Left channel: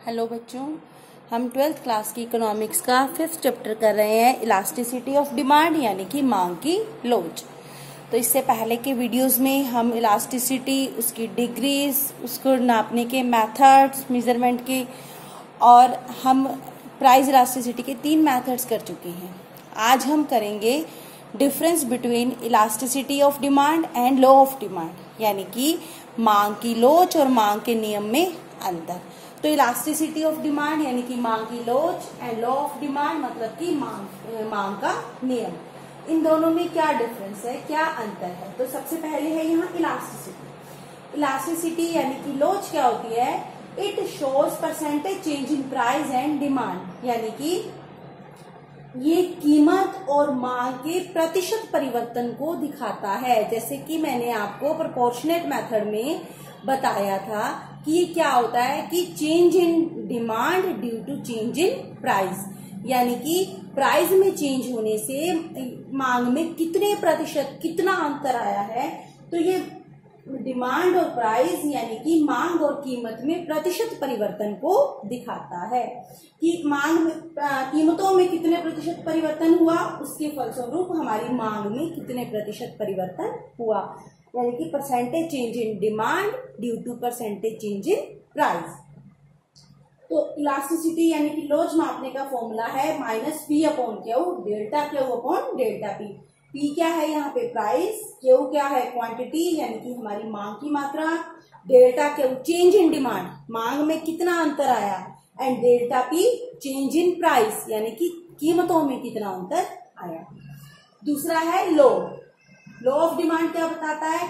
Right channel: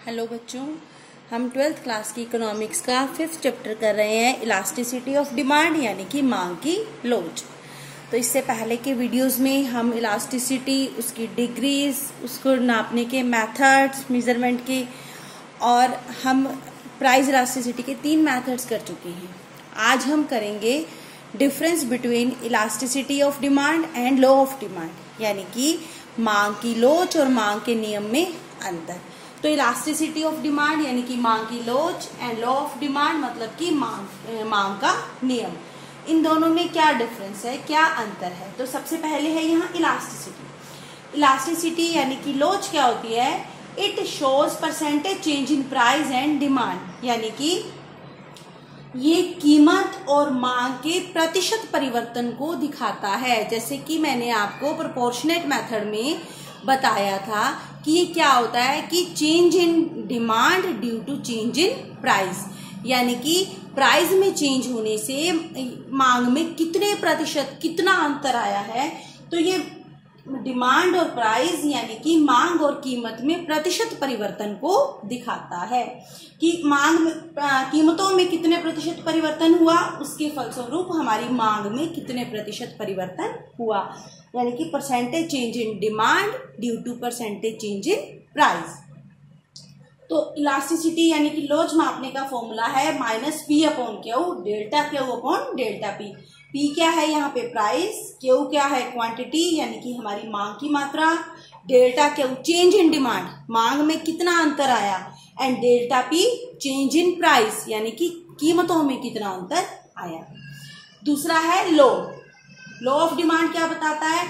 Hello बच्चों, हम 12th class की इकोनॉमिक्स का 5th चैप्टर कर रहे हैं इलास्टिसिटी ऑफ डिमांड यानी कि मांग की लोच। तो इससे पहले के वीडियोस में हम इलास्टिसिटी, उसकी डिग्रीज, उसको नापने के मेथड्स, मेजरमेंट के, और हम प्राइस इलास्टिसिटी के 3 मेथड्स कर चुके हैं। आज हम करेंगे difference between elasticity of demand and law of demand यानी कि मांग की लोच और मांग के नियम में अंतर। तो इलास्टिसिटी ऑफ डिमांड यानी कि मांग की लोच एंड लॉ ऑफ डिमांड मतलब कि मांग का नियम, इन दोनों में क्या डिफरेंस है, क्या अंतर है। तो सबसे पहले है यहाँ इलास्टिसिटी। इलास्टिसिटी यानी कि लोच क्या होती है? It shows percentage change in price and demand, यानी कि ये कीमत और मांग के प्रतिशत परिवर्तन को दिखाता है। जैसे कि मैंने आपको प्रोपोर्शनेट मेथड में बताया था कि ये क्या होता है कि change in demand due to change in price, यानी कि प्राइस में चेंज होने से मांग में कितने प्रतिशत, कितना अंतर आया है। तो ये डिमांड और प्राइस यानी कि मांग और कीमत में प्रतिशत परिवर्तन को दिखाता है कि मांग में कीमतों में कितने प्रतिशत परिवर्तन हुआ, उसके फलस्वरूप हमारी मांग में कितने प्रतिशत परिवर्तन हुआ, यानी कि percentage change in demand due to percentage change in price. तो इलास्टिसिटी यानी कि लोच मापने का फॉर्मूला है -P/Q, delta Q upon delta P। P क्या है यहाँ पे? प्राइस। Q क्या है? क्वांटिटी यानी कि हमारी मांग की मात्रा। Delta Q change in demand, मांग में कितना अंतर आया, and delta P change in price यानी कि कीमतों में कितना अंतर आया। दूसरा है लॉ ऑफ डिमांड। क्या बताता है?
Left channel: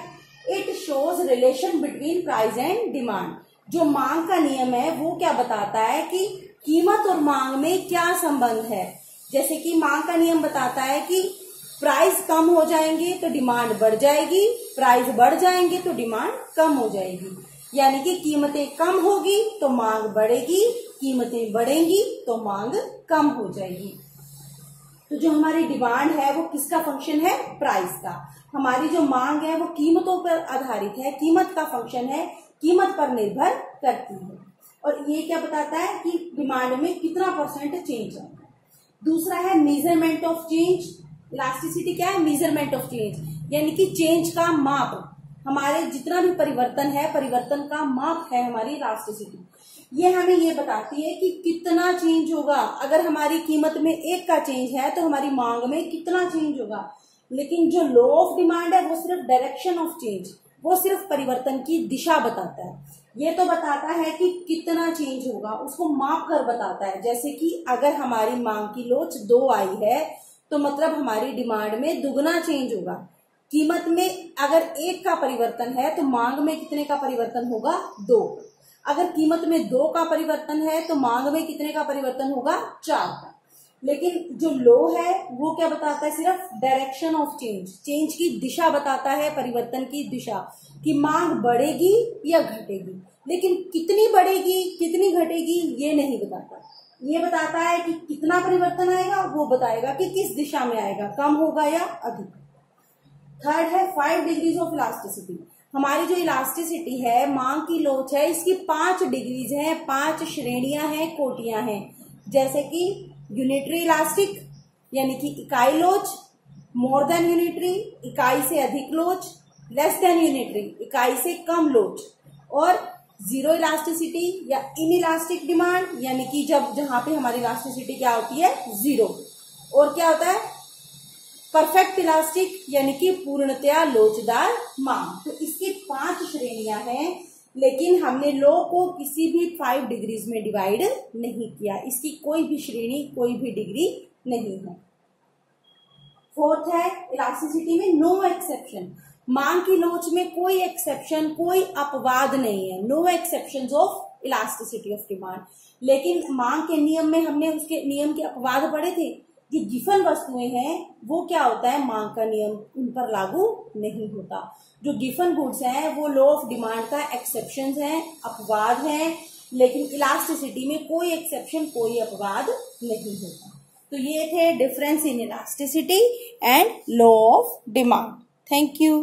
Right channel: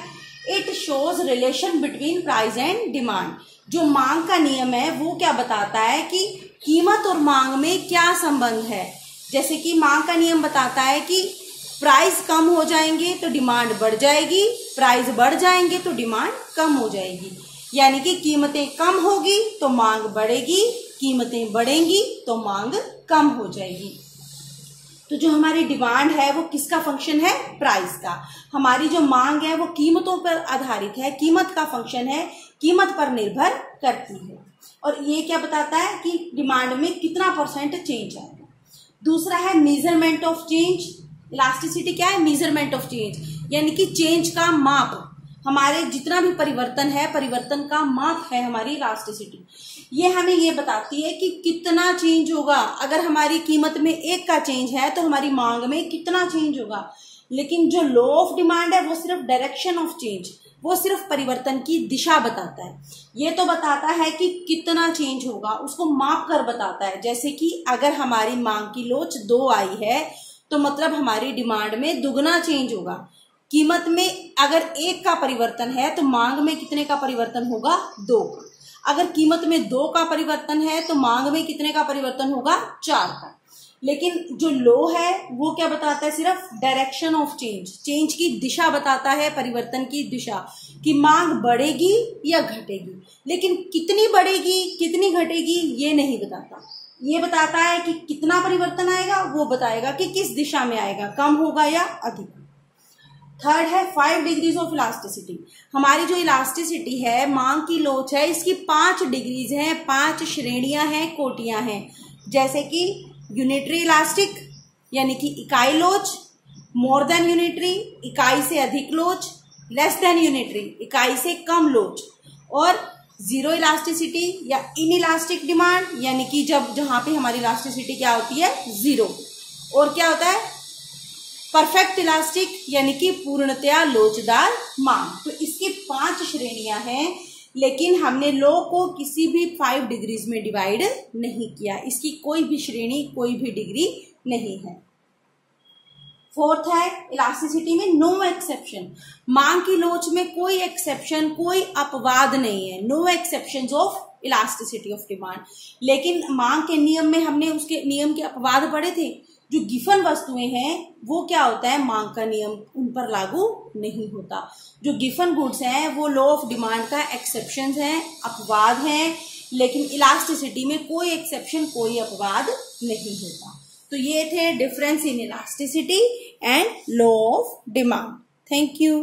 It shows relation between price and demand. जो मांग का नियम है वो क्या बताता है कि कीमत और मांग में क्या संबंध है। जैसे कि मांग का नियम बताता है कि प्राइस कम हो जाएंगे तो डिमांड बढ़ जाएगी, प्राइस बढ़ जाएंगे तो डिमांड कम हो जाएगी, यानी कि कीमतें कम होगी तो मांग बढ़ेगी, कीमतें बढ़ेंगी तो मांग कम हो जाएगी। तो जो हमारी डिमांड है वो किसका फंक्शन है? प्राइस का। हमारी जो मांग है वो कीमतों पर आधारित है, कीमत का फंक्शन है, कीमत पर निर्भर करती है। और ये क्या बताता है कि डिमांड में कितना परसेंट चेंज आएगा। दूसरा है मेजरमेंट ऑफ चेंज। इलास्टिसिटी क्या है? मेजरमेंट ऑफ चेंज, यानी कि चेंज का माप। हमारे जितना भी परिवर्तन है, परिवर्तन का माप है हमारी इलास्टिसिटी। ये हमें ये बताती है कि कितना चेंज होगा। अगर हमारी कीमत में 1 का चेंज है तो हमारी मांग में कितना चेंज होगा। लेकिन जो लॉ ऑफ डिमांड है वो सिर्फ डायरेक्शन ऑफ चेंज, वो सिर्फ परिवर्तन की दिशा बताता है। ये तो बताता है कि कितना चेंज होगा, उसको माप कर बताता है। जैसे कि अगर हमारी मांग की लोच 2 आई है तो मतलब हमारी डिमांड में दुगना चेंज होगा। कीमत में अगर 1 का परिवर्तन है तो मांग में कितने का परिवर्तन होगा? 2 का। अगर कीमत में 2 का परिवर्तन है तो मांग में कितने का परिवर्तन होगा? 4 का। लेकिन जो लॉ है वो क्या बताता है? सिर्फ डायरेक्शन ऑफ चेंज, चेंज की दिशा बताता है, परिवर्तन की दिशा, कि मांग बढ़ेगी या घटेगी। लेकिन कितनी बढ़ेगी, कितनी घटेगी ये नहीं बताता। ये बताता है कि कितना परिवर्तन आएगा, वो बताएगा कि किस दिशा में आएगा, कम होगा या अधिक। थर्ड है 5 डिग्रीज ऑफ इलास्टिसिटी। हमारी जो इलास्टिसिटी है, मांग की लोच है, इसकी 5 डिग्रीज हैं, 5 श्रेणियां हैं, कोटियां हैं। जैसे कि यूनिटरी इलास्टिक यानी कि इकाई लोच, मोर देन यूनिटरी इकाई से अधिक लोच, लेस देन यूनिटरी इकाई से कम लोच, और जीरो इलास्टिसिटी या इन इलास्टिक डिमांड यानी कि जहां पे हमारी इलास्टिसिटी क्या होती है? 0। और क्या होता है? परफेक्ट इलास्टिक यानी कि पूर्णतया लोचदार मांग। तो इसकी 5 श्रेणियां हैं, लेकिन हमने लॉ को किसी भी 5 डिग्रीज में डिवाइड नहीं किया। इसकी कोई भी श्रेणी, कोई भी डिग्री नहीं है। फोर्थ है इलास्टिसिटी में नो एक्सेप्शन। मांग की लोच में कोई एक्सेप्शन, कोई अपवाद नहीं है। No exceptions of elasticity of demand. लेकिन मांग के नियम में हमने उसके नियम के अपवाद पढ़े थे। जो गिफन वस्तुएं हैं वो क्या होता है? मांग का नियम उन पर लागू नहीं होता। जो गिफन गुड्स हैं वो लॉ ऑफ डिमांड का एक्सेप्शंस हैं, अपवाद हैं। लेकिन इलास्टिसिटी में कोई एक्सेप्शन, कोई अपवाद नहीं होता। तो ये थे difference in elasticity and law of demand. Thank you.